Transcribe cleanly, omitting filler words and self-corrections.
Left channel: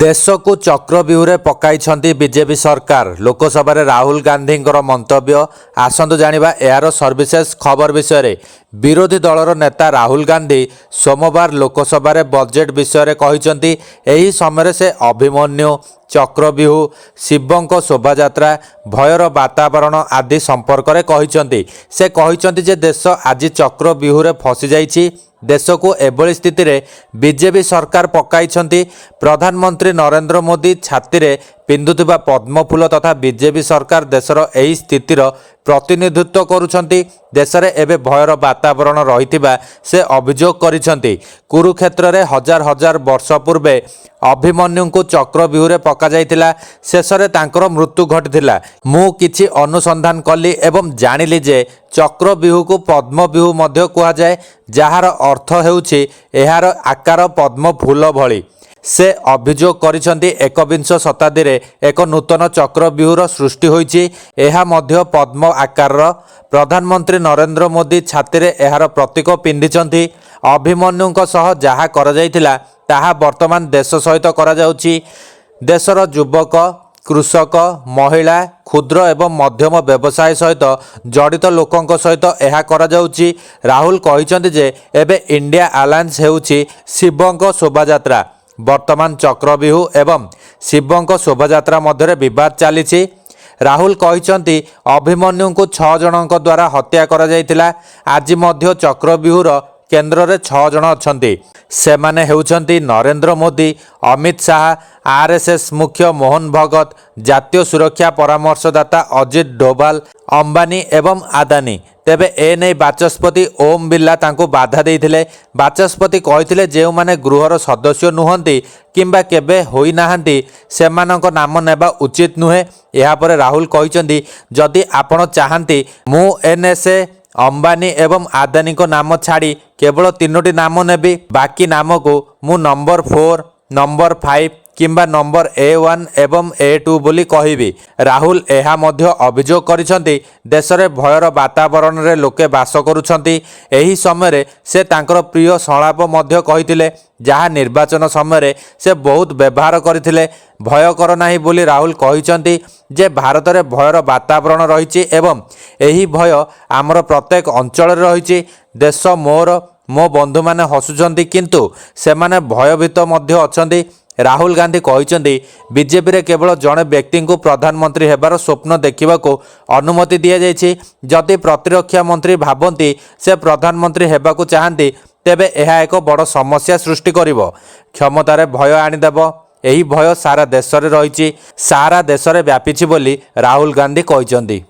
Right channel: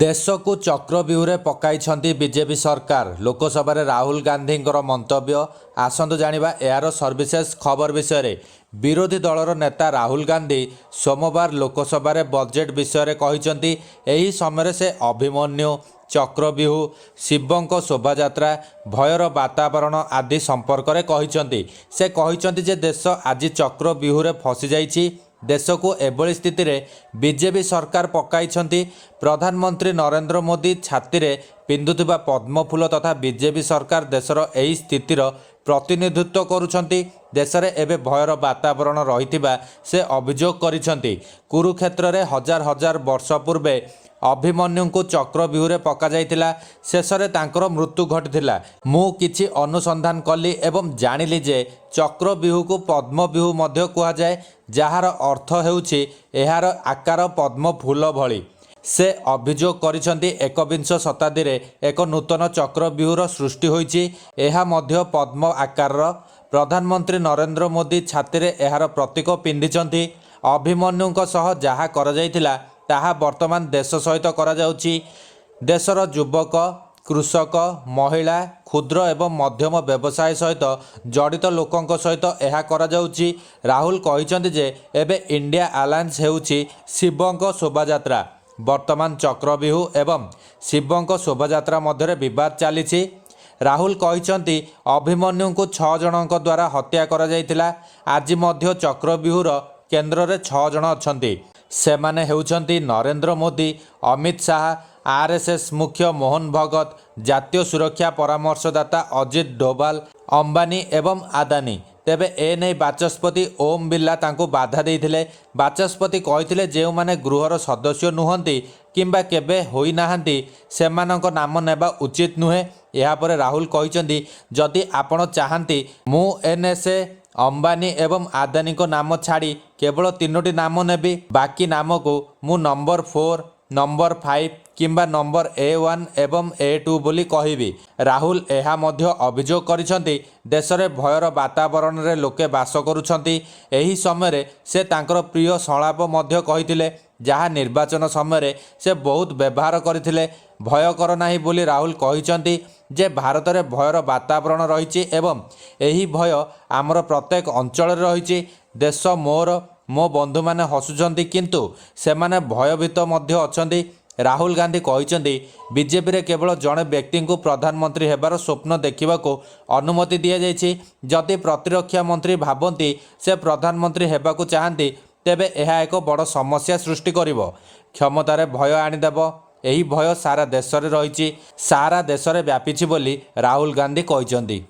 देश को चक्रव्यूह पकाई बीजेपी सरकार लोकसभा राहुल गांधी मंतव्य आसतु जानिबा यार सर्विसेस खबर विषय विरोधी दलर नेता राहुल गांधी सोमवार लोकसभा बजेट विषय कहते यही समय से अभिमन्यु चक्रव्यूह शिवों शोभायात्रा भयर वातावरण आदि संपर्क में कहते से कहते जे देश आज चक्रव्यूह फसी जाइछि। देश को एभली स्थिति रे बीजेपी सरकार पकाई प्रधानमंत्री नरेंद्र मोदी छाती रे पिंधुथिबा पद्मफूल तथा बीजेपी सरकार देशर एही स्थितिर प्रतिनिधित्व करुछंती। देश में एवं भयर वातावरण रही से अभियोग करिसेंती। कुरुक्षेत्र में हजार हजार वर्ष पूर्वे अभिमन्यु को चक्रव्यूह पका जाइतिला। शेष में तांकर मृत्यु घटिथिला। मु किछि अनुसंधान कली एवं जानिली जे चक्रव्यूह को पद्मव्यूह मध्य कहा जाए, जार अर्थ हेउछि एहार आकार पद्म फूल भली। से अभियोग करिसेंती एकविंश शताब्दी रे एक नूतन चक्रव्यूहर सृष्टि होइछि। एहा मध्य पद्म आकार। प्रधानमंत्री नरेंद्र मोदी छाती रे एहार प्रतीक पिंधिचंती। अभिमन्युଙ୍କ सह जहा करा जाइतिला ताहा वर्तमान देश सहित करा जाउछि। देशर युवक कृषक महिला क्षुद्र एवं मध्यम व्यवसाय सहित जड़ित लोकों सहित यह करा जाउछि। राहुल कहिसेंती जे एबे इंडिया अलायंस हेउछि शिवों शोभायात्रा। वर्तमान चक्रव्यूह एवं शिवों शोभायात्रा मध्य विवाद चली। राहुल कहिसेंती अभिमन्यु को 6 जनों द्वारा हत्या करा जाइतिला। आज मध्य चक्रव्यूहर केन्द्र में 6 जन अछंती। सेमाने हेउछंती नरेंद्र मोदी, अमित शाह, आरएसएस मुख्य मोहन भगत, जातीय सुरक्षा परामर्शदाता अजित डोभाल, अंबानी एवं आदानी। तेबे एने बाचस्पति ओम बिर्ला तांको बाधा देइथिले। बाचस्पति कहिथिले जेउ माने गृहर सदस्य नुहंती किंबा केबे होई नाहंती सेमानक नाम नेबा उचित नुहे। या परे राहुल कहिसंती जदि आपण चाहंती मु एनएसए अंबानी एवं आदानी को नाम छाड़ी केवल 3टी नाम नेबी। बाकी नाम को मु नंबर 4, नंबर 5 किंबा नंबर A1 एवं A2 बोली कहिबी। राहुल एहा मध्य अभियोग करिसेंती देश में भयर वातावरण रे लोके बास करुछंती। एही समय रे से तांकर प्रिय संलाप मध्य कहिथिले, जहा निर्वाचन समय रे से बहुत व्यवहार करथिले। भय कर नाही बोली राहुल कहिसेंती जे भारत रे भयर वातावरण रहिछि एवं एही भय आमर प्रत्येक अंचल रे रहिछि। देश मोर मो बंधु माने हसुचंती किंतु सेमाने भयभीत मध्य अछंती। राहुल गांधी कहिसेंती बीजेपी रे केवल जड़े व्यक्ति को प्रधानमंत्री हेबार स्वप्न देखा अनुमति दि जाइछि। जदि प्रतिरक्षा मंत्री भावती से प्रधानमंत्री हेबाकु चाहती तेबे यह एक बड़ समस्या सृष्टि करिवो। क्षमतार भय आनीदेव। यही भय सारा देश रे रहिछि, सारा देश रे व्यापीछि बोली राहुल गांधी कहिसेंती।